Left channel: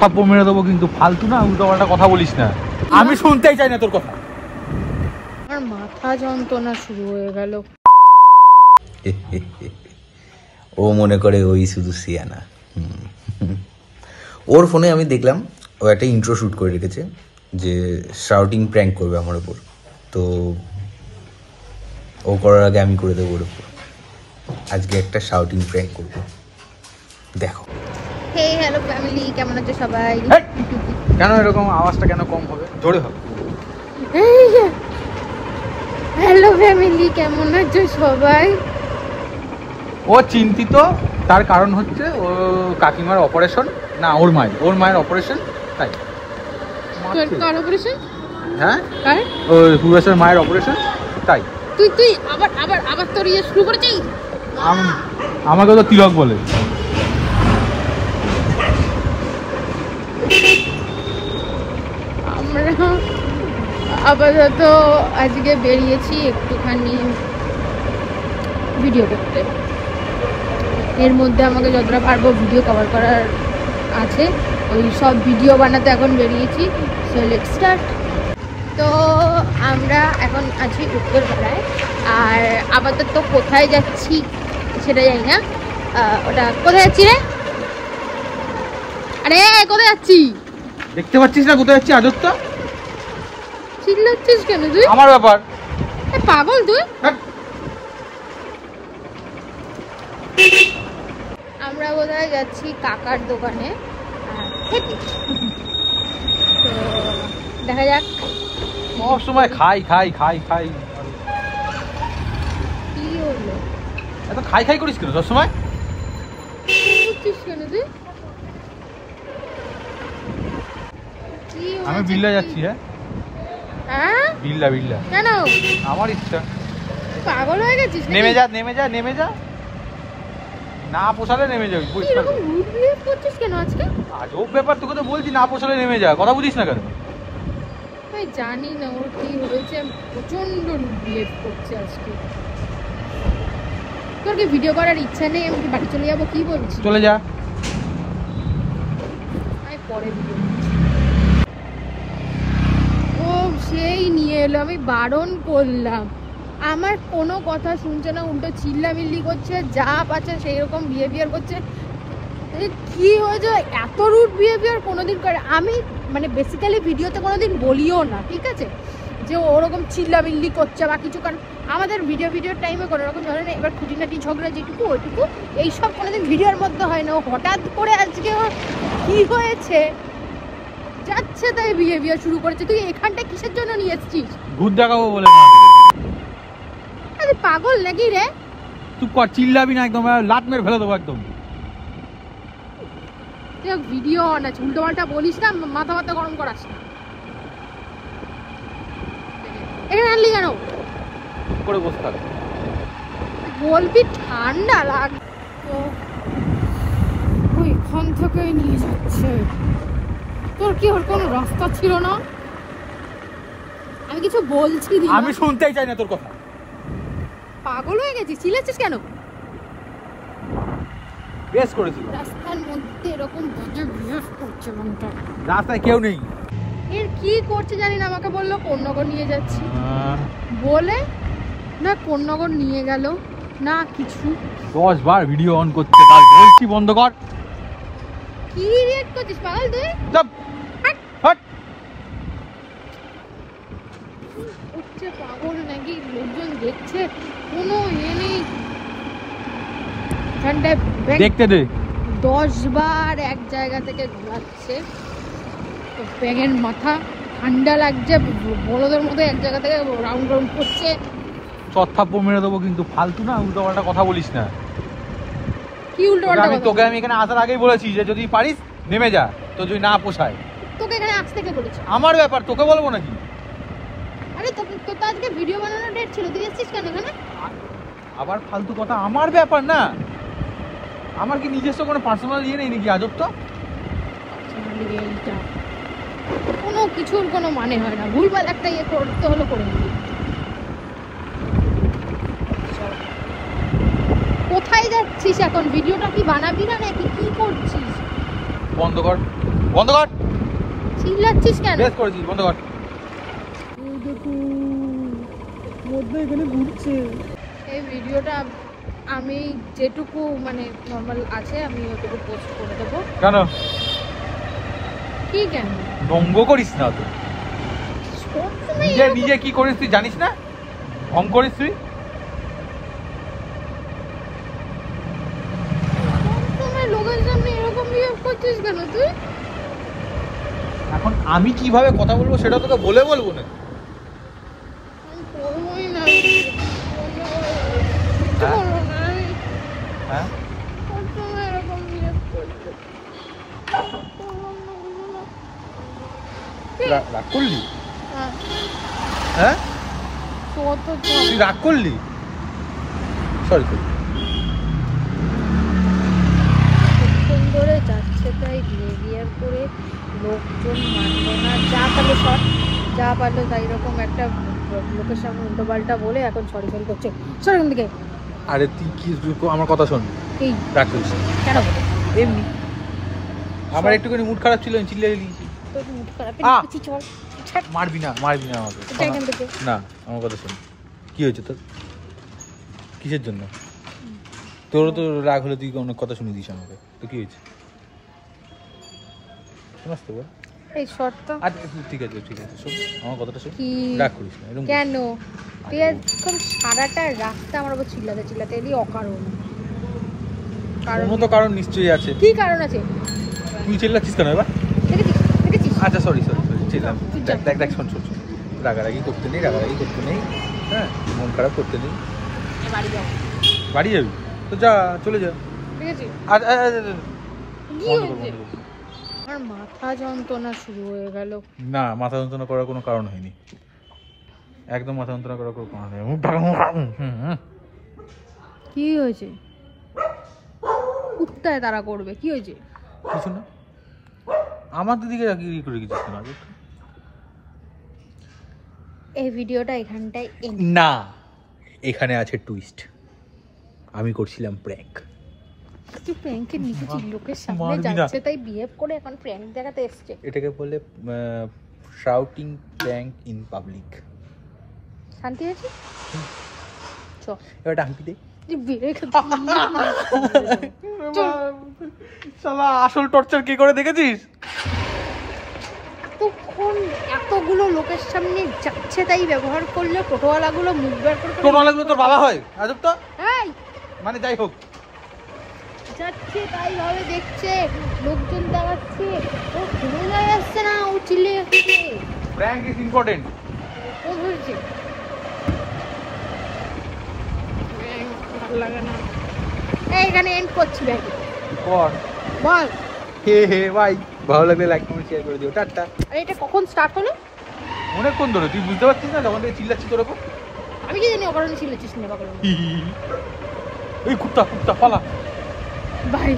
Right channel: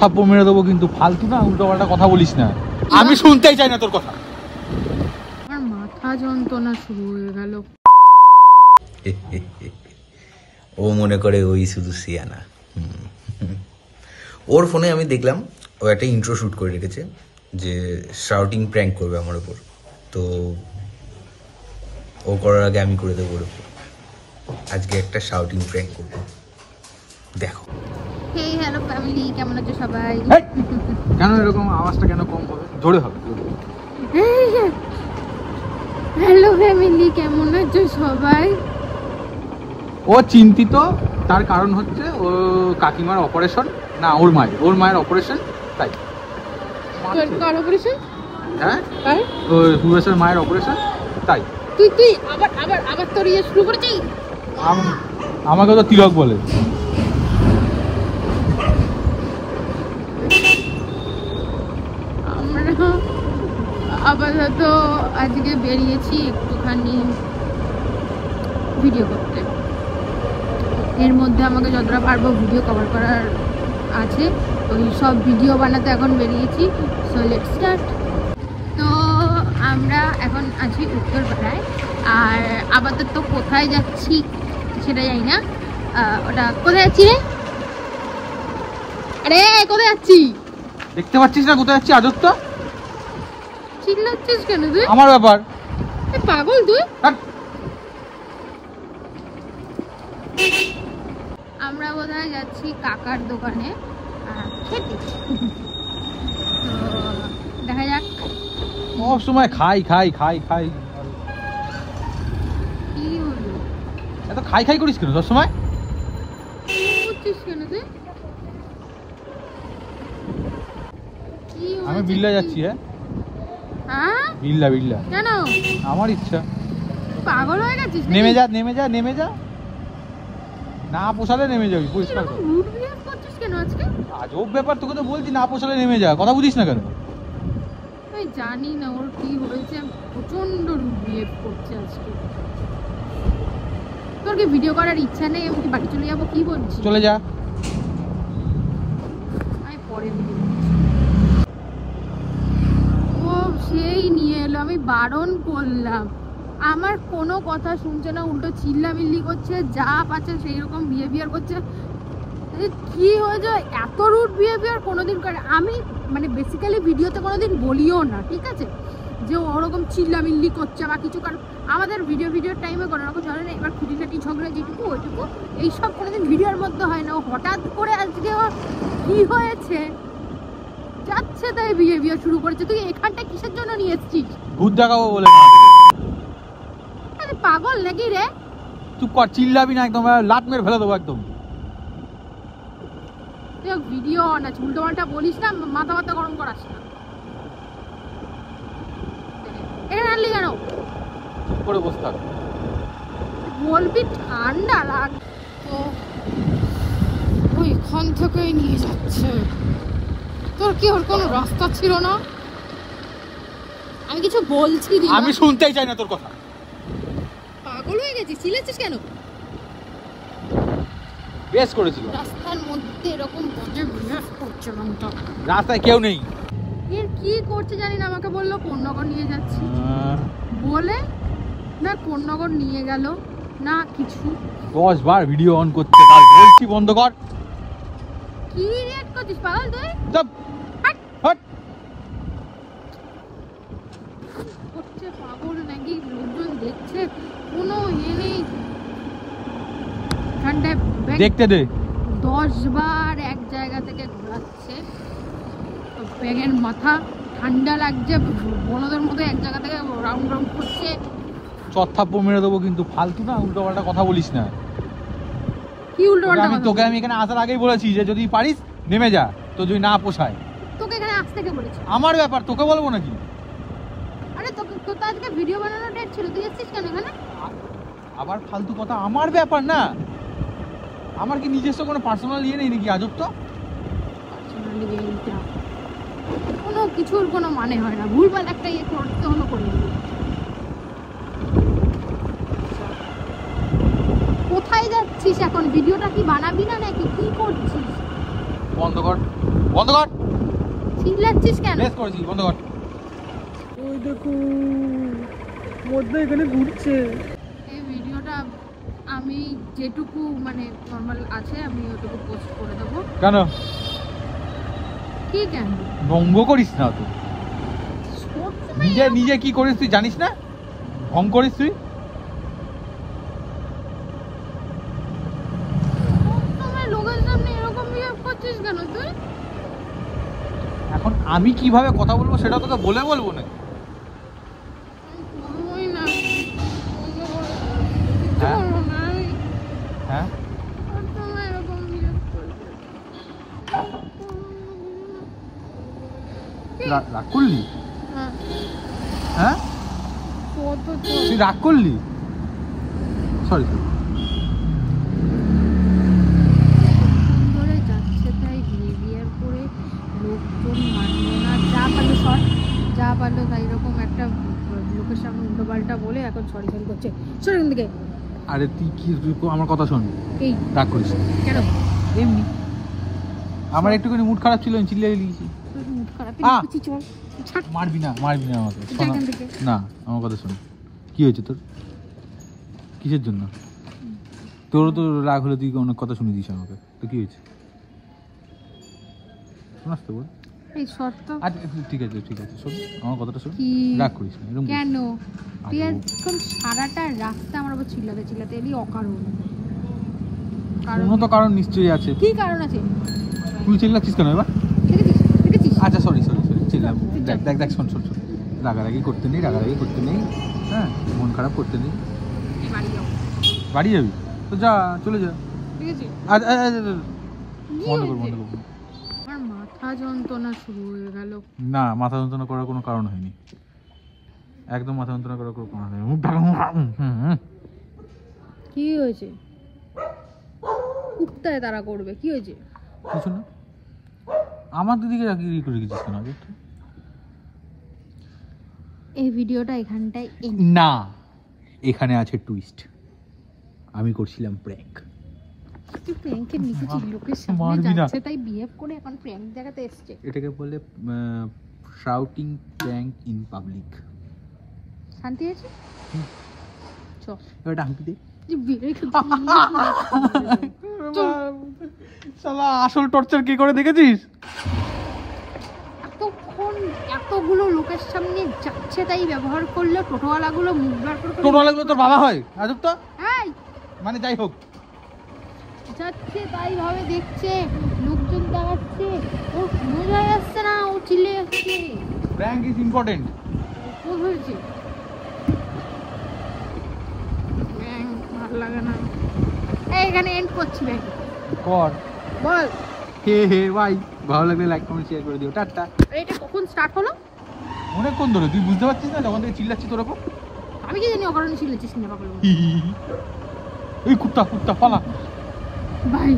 থাপ্পড় মেরে দেবো কিন্তু, ফালতু না উল্টোপাল্টা কথা বলিস না, আমি শুনতেই চাই না তোর কথা। আমার মাথা যন্ত্রণা শুরু হয়ে গেল। ও মনে করে ওই শুধু সিয়ানা। ওর ফোনে আমি দেখলাম ও একটা ইন্ট্রো শুট করে রেখেছে যে শাউটিং প্র্যাঙ্ক করবে আমার উপর, তো ও করার আগে আমি করে দেবো ওর উপর। আজকে একটা শাউটিং প্র্যাঙ্ক করবো, দেখো। হেই হ্যালো ফ্যামিলি, কেমন আছো সবাই? কেন এরকম আওয়াজটা কেন কম হবে, জোরে হবে? হ্যালো ফ্যামিলি, কেমন আছো সবাই? ও চিন্তিত, তার কারণ হচ্ছে ও কাকিমার অপারেশন, না ওর মায়ের অপারেশন, তাই। হ্যাঁ, ওই পূর্বেশের মায়ের অপারেশন, তাই। আমাকে তো তিলক বলে। আমরা আপাতত আজকে বেরিয়েছি একটুখানি ভিডিও করতে। এর মধ্যে আমাকে যতটা পারবো ভিডিও কভার করার আছে, ওই সব ভিডিও বানাতে এখন বেরিয়েছি। So let's start. তো আমরা এখন আছি উত্তরপাড়ায়, আর আপাতত কোথায় যাচ্ছি সেটা জানি না। ওটা কোথায় যাচ্ছি রে? আরে কোথায় যাচ্ছি দেখতে পাচ্ছিস না কোথায় যাচ্ছি? আজব তো, চিল্লাচ্ছিস কেন তুই? আমার ব্যাপার। পাগল তুই? আমরা বোধহয় যাচ্ছি কাকার দোকানে খেতে, তো দেখা যাক। সব সময় খাই খাই খাই খাই, কি হলো? এত খাই খাই করিস কেন সব সময়? করছিস কেন তুই? আমি বিল্লা যাচ্ছি। হ্যাঁ, বিল্লা কেন? আমার ইচ্ছা। পাগল হয়ে গেছিস? নেমে যা, না পোষালে নেমে যাবি। এরকম রুড বিহেভ করছিস কেন আজকে? আজব ব্যাপার, তোকে তো বলছি না পোষালে নেমে যা, কথা বুঝিস না কেন? আমি জানি না ওর কি হয়েছে, প্রচন্ড রুড বিহেভ করছে আজকে। তোর কি ভিডিও করার ইচ্ছা নেই? আমি কি বাড়ি চলে যাবো? কি বলছিস? চলে যা, আমি পরে ভিডিও। ও সেই নিয়ে এলো, আমি বারণ করলাম, আমার কোনো কথা শুনছে না, উল্টো চিল্লামিল্লি করছে, যা পাচ্ছে সেই রকম বিহেভিয়ার করছে। কি হয়েছে? এত রুড বিহেভিয়ার কোনোদিন করে আমি মানে বেসিক্যালি ভিডিওতে কোনোদিন বলিও না, ঠিক আছে, যে ওরকম চিল্লামিল্লি করছে বা কিছু। কারণ আমাদের ভিডিওর টাইমে কোনো রকম ঝগড়া নেই। এবার খুঁটিনাটি ঝগড়া যেটুকু ওইটুকু, এইসব কোনোদিন ভিডিওর মধ্যে হয় না। ও হঠাৎ করে আজকে ওর কি হয়েছে, যাচ্ছে তাই বিহেভিয়ার শুরু করেছে। তুই এখানটা কিসের জন্য নিয়ে এসেছিস? ভূত দেখাবো বলে। আরে পাগল নাকি রে? তুই কর, চিল্লাবি না, একদম লাত মেরে ফেলে দেবো একদম। ভিডিও না উল্টো পাল্টা বলিস না, মাথা মাথা গরম করাস না। এখানে আনলি কেন? বলবি ঠান্ডা লাগ তো, এখান থেকে নিয়ে যাচ্ছে। তোর কি ওর কোনো রাস্তা ছিল না? আমি কিছু বলছি, আমি শুনতেই চাই না তোর কথা। পাগল হয়ে গেছিস? চিল্লাচ্ছিস কেন? বেশ করেছিল, রাস্তার মধ্যে এরকম বাজে বিহেভ করছে মনটা। রাস্তায় কেউ নেই। এর কি করছে জানি না, আমাকে বললো কোন্নগর নিয়ে যাচ্ছি বলে, না কোন্নগর নিয়ে গেল না কিছু। 10 বার ভিডিও অন করতে বলছি, বন্ধ কর। কি রিয়েক্ট করছিস পাগল তুই? চুপ, হট। হচ্ছে পাগল নাকি? লোকজন দেখছে, কোনো ইয়ে নেই। দেখতে দে। 10 বার এক জায়গা থেকে ঘোরাচ্ছে, ব্যাঙের মাথা, ঠান্ডা লাগছে, বড়দের মতো এক জায়গা থেকে রাউন্ড করছে। থাপ্পড় মেরে দেবো কিন্তু, ফালতু না উল্টোপাল্টা কথা বলিস না। কি উল্টোপাল্টা কথা? তোকে আমি এখানে আসার আগেই বলেছি যে যদি পারিস নেমে যা, তো যদি না পোষায়। তোকে এখানে আসতে কে বলেছে? আমার ব্যাপার, তোকে বলবো নাকি? আরে তোর তো আজকে ভিডিও বানানোর ডেট ছিল, তুই এসেছিস কেন এখানে? আবার ফালতু কথা, আমার ব্যাপার না। আমার কি নিজস্ব কোনো পার্সোনাল ইয়ে নেই নাকি? আজব তো, কোনো কিছুর কোনো মানে হয় না, ভুলভাল একটা ইয়ে করতে হলো করে নিবি। কোথায় যাচ্ছিস এখন? ভিডিওটা কি বানাবি না নাকি কি করছিস? বন্ধ কর, বন্ধ কর। চিল্লাচ্ছিস কেন? বেশ করেছিস, বন্ধ কর। ওই দেখো মধ্যে এখানে ঘুরছে। এই ভিডিওটা আমি যেটুকু মানে নর্মাল আছে আমি ওটুকু পোস্ট করে দেবো। কেন কি কেন? রঙ্গ করিস না তো, সবসময় নিজে এরকম- নিজে কি করিস তুই জানিস না? ঢং করিস তুই। সবসময় লোকের সামনে এরকম বিহেভ করছিস কেন তুই? এখন আমি কিভাবে কথা বলবো সেটা তোকে বলে বলবো না। আমি করবোই না, করবো না আমি। হ্যাঁ সবসময় এরকম বিহেভ করছিস। করলাম না, বুঝো না। রাগ করলি? হ্যাঁ, হ্যাঁ কত তুই রাগ করলি? Sorry sorry. কতক্ষণ ধরে যাচ্ছে তাই বিহেভিয়ার করে লোকজন মানলো না, যা পারলো শর্ট, যা পারলো তাই রকম একটা লোকের সামনে উল্টো পাল্টা বলে এখন সরি ফেল করছে। সর এখান থেকে। আরে তুই কি আমার কথা শোন, এই রাগ করিস না। কেন বলে এমনি আমার একটুখানি মুড খারাপ ছিল, আমি চিল্লিয়ে দিয়েছি। তোর মুড খারাপ আহ! কিছু চল ছাড় মারবি না, মারবি না আমাকে। এটা এখান থেকে। না আমার কথা শোন, কি হয়েছে তোর? কিসের জন্য? তোরও তো রাগ হলে তুই অনেক কথা শুনে দিস আমাকে, তো কি হয়েছে শোনাস তো বল। এই শর্টটা আচ্ছা ঠিক আছে ঠিক আছে, শোন আমার কথাটা শোন, কি? রাগ করিস না এরকম। কেন তুই এখন সারাটা রাস্তা আমার উপর চিল্লাতে চিল্লাতে এলি অকারণ। কোনো তো কারণ নিশ্চয়ই আছে। কি কারণ আছে? তুই চিল্লাচ্ছিস কেন এবার? দেখেছিস দেখেছিস? আচ্ছা সরি সরি সরি, চিল্লাম। তুই যা। দেখ দেখ দেখ, শোন শোন শোন, রাগারাগি করতে নেই, রাগারাগি করতে নেই, হ্যাঁ মন খারাপ করতে নেই। আমি বাড়ি যাবো। বাড়ি যাবি তো যা, চলে যা। ঠিক আছে? আর কি হয়েছে? আমার মাথা যন্ত্রণা শুরু হয়ে গেল। না, মাথা যন্ত্রণা করার কোনো কারণ হয়নি, একদম মাথা যন্ত্রণা করার কোনো কারণ হয়নি। কি হয়েছে? উত্তায় তারা করবে, কি হয়েছে? কিছু না, আমার দিদিকে কি করে গেছিস না? এই ভিডিওটা এখানটায় না, এখানে আছে টুইস্ট। আমি করছিলাম প্র্যাঙ্ক। তুই প্র্যাঙ্কে নিয়েছিস, লোকের সামনে মারবি না। যাচ্ছে তাই বিহেভ করে এখন প্র্যাঙ্ক দেখাতে এসছে। এটাকে বলে শাউটিং প্র্যাঙ্ক ইন পাবলিক। শান্তি আছে? চ এবার ডাঙ্কি দে। বেড়ে শালা আসল টর্চার কি করে দেখেছিস? এতক্ষণ এতগুলো লোকের সামনে যাচ্ছে তাই ব্যবহার করলে টোটোওয়ালাগুলো মুখ বার করে করে টোটোওয়ালাগুলো তোর বাবা হয় রাজব তো, এই মানে যাই হোক। যাচ্ছে তাই ভাবে দেখছে, লোকজন দাঁড়াচ্ছে, ও কোনো জায়গায় আসছে না, ও চিল্লে যাচ্ছে। Prank is important. ও হয়েছে ভালো লাগে না। এইখানে এন্ড করছি ভাই। বল হে হে ভাই, ভালো লাগলে লাইক কমেন্ট শেয়ার করে দিও, টাটা। আরে এটা কখন স্টার্ট হলো? অনেকক্ষণ ধরে, তুই বুঝতে পারছিস না তখন থেকে চিল্লাচ্ছি তোর ওপর। আমি কি জানি অকারণে চিল্লাচ্ছিস না পাগল। এই কুত্তা কুত্তা খালা। বাই।